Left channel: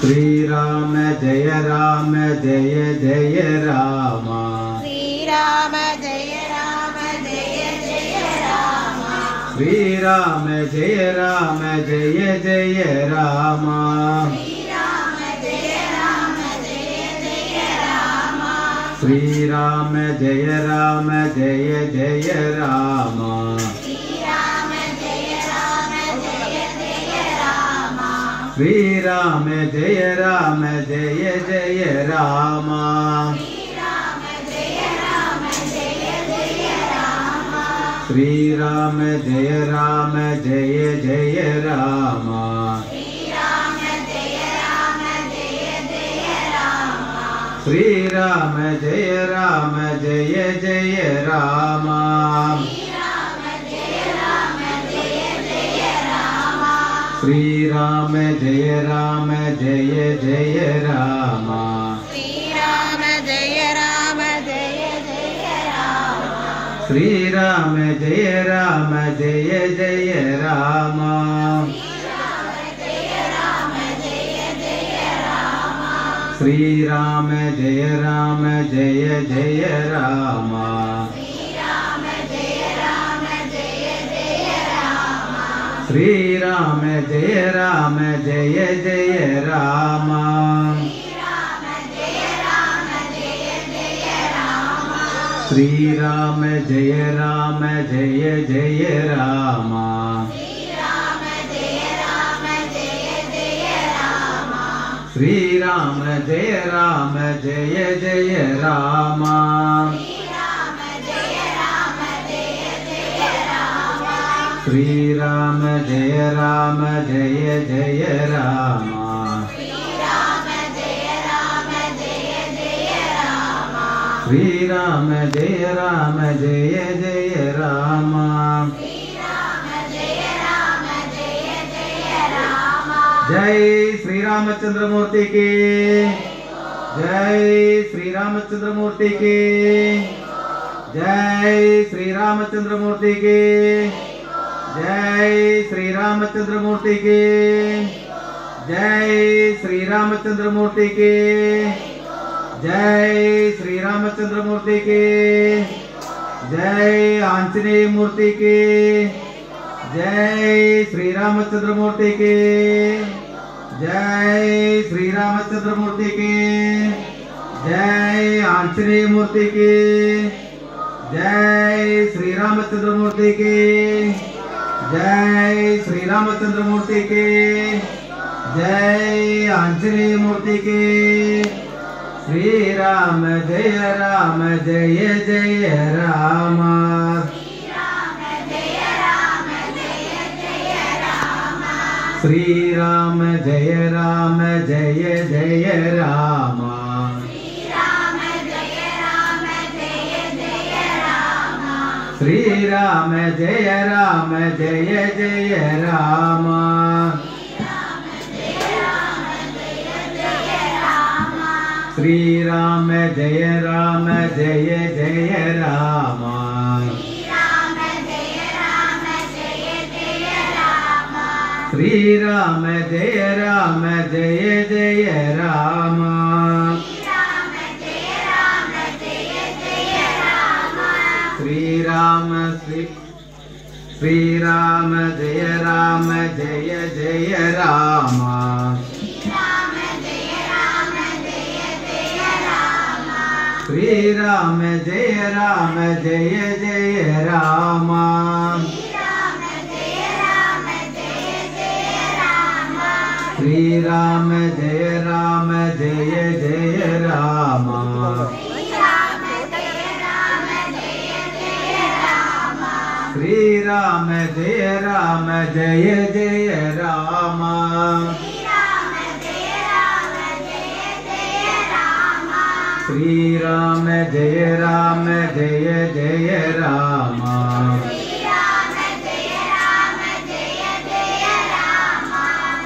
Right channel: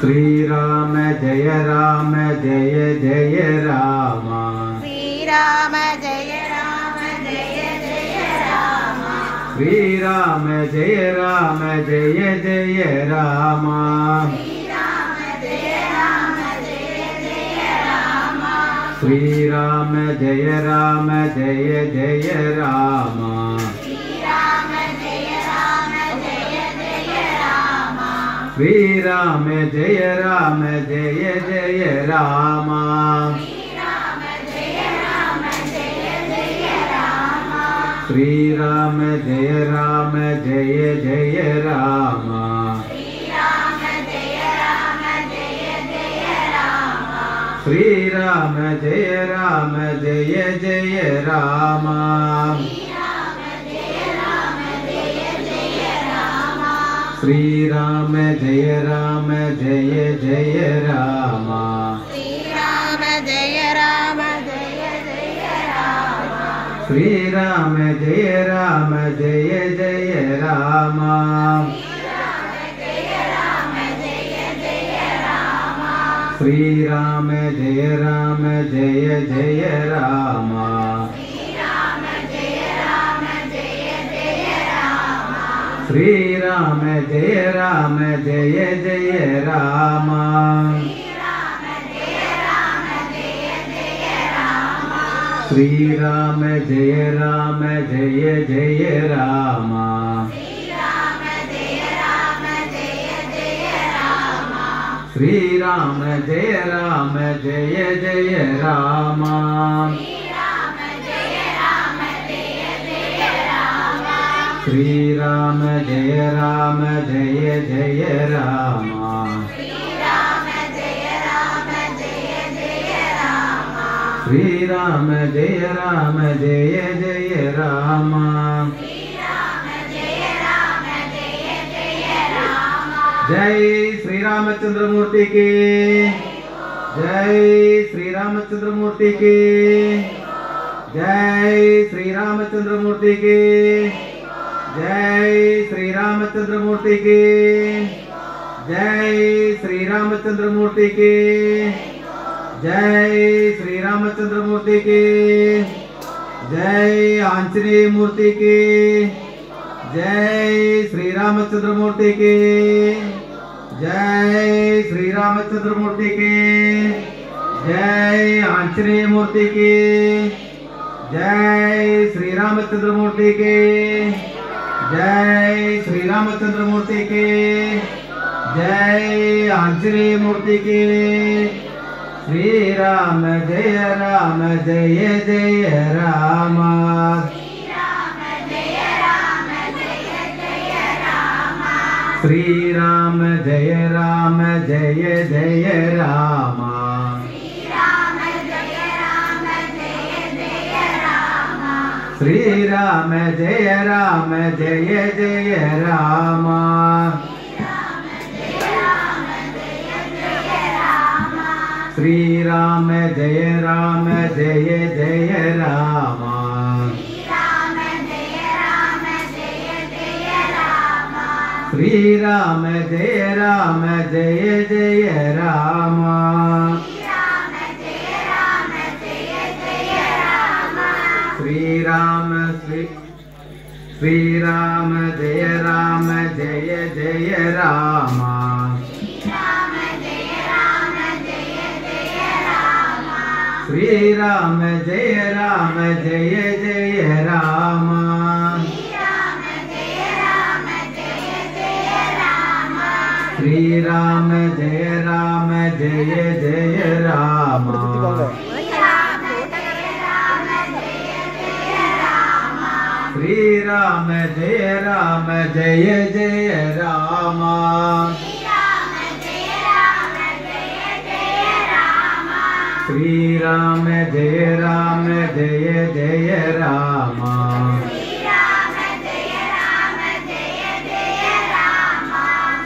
श्रीराम जय राम जय जय राम श्रीराम जय राम जय जय राम श्रीराम जय राम जय जय राम श्रीराम जय राम जय जय राम श्रीराम जय राम जय जय राम श्रीराम जय राम जय जय राम श्रीराम जय राम जय जय राम श्रीराम जय राम जय जय राम श्रीराम जय राम जय जय राम श्रीराम जय राम जय जय राम श्रीराम जय राम जय जय राम श्रीराम जय राम जय जय राम श्रीराम जय राम जय जय राम श्रीराम जय राम जय जय राम श्रीराम जय राम जय जय राम श्रीराम जय राम जय जय राम जय श्री रामचंद्र मूर्ति की जय श्री रामचंद्र मूर्ति की जय श्री रामचंद्र मूर्ति की जय श्री रामचंद्र मूर्ति की जय श्री रामचंद्र मूर्ति की जय श्री रामचंद्र मूर्ति की जय आंजनेय मूर्ति की जय श्री रामचंद्र मूर्ति की जय श्री रामचंद्र मूर्ति की जय आंजनेय मूर्ति की जय श्री रामचंद्र मूर्ति की जय श्री रामचंद्र मूर्ति की जय आंजनेय मूर्ति की श्रीराम जय राम जय जय राम श्रीराम जय राम जय जय राम श्रीराम जय राम जय जय राम श्रीराम जय राम जय जय राम श्रीराम जय राम जय जय राम श्रीराम श्रीराम जय राम जय जय राम श्रीराम जय राम जय जय राम श्रीराम जय राम जय जय राम श्रीराम जय राम जय जय राम श्रीराम जय राम जय जय राम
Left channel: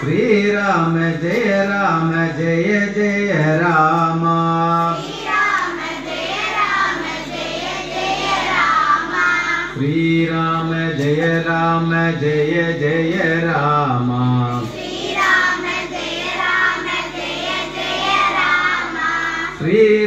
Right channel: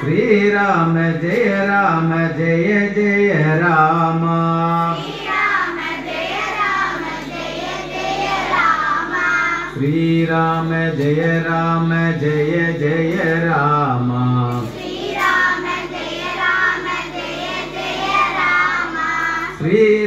श्रीराम जय राम जय जय राम श्रीराम जय राम जय जय राम श्रीराम जय राम जय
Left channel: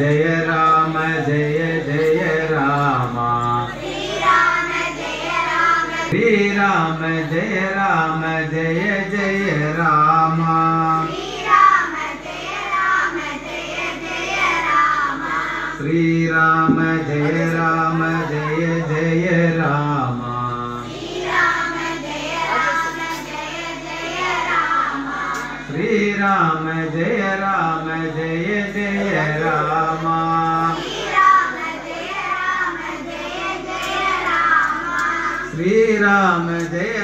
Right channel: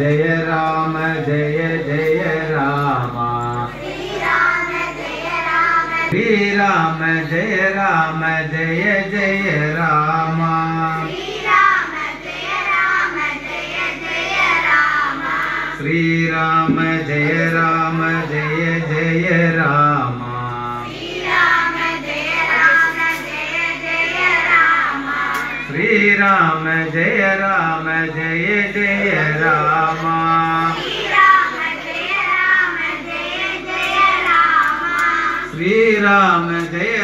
जय राम जय जय राम श्री राम जय राम जय जय राम श्री राम जय राम जय जय राम श्री राम जय राम जय जय राम श्री राम जय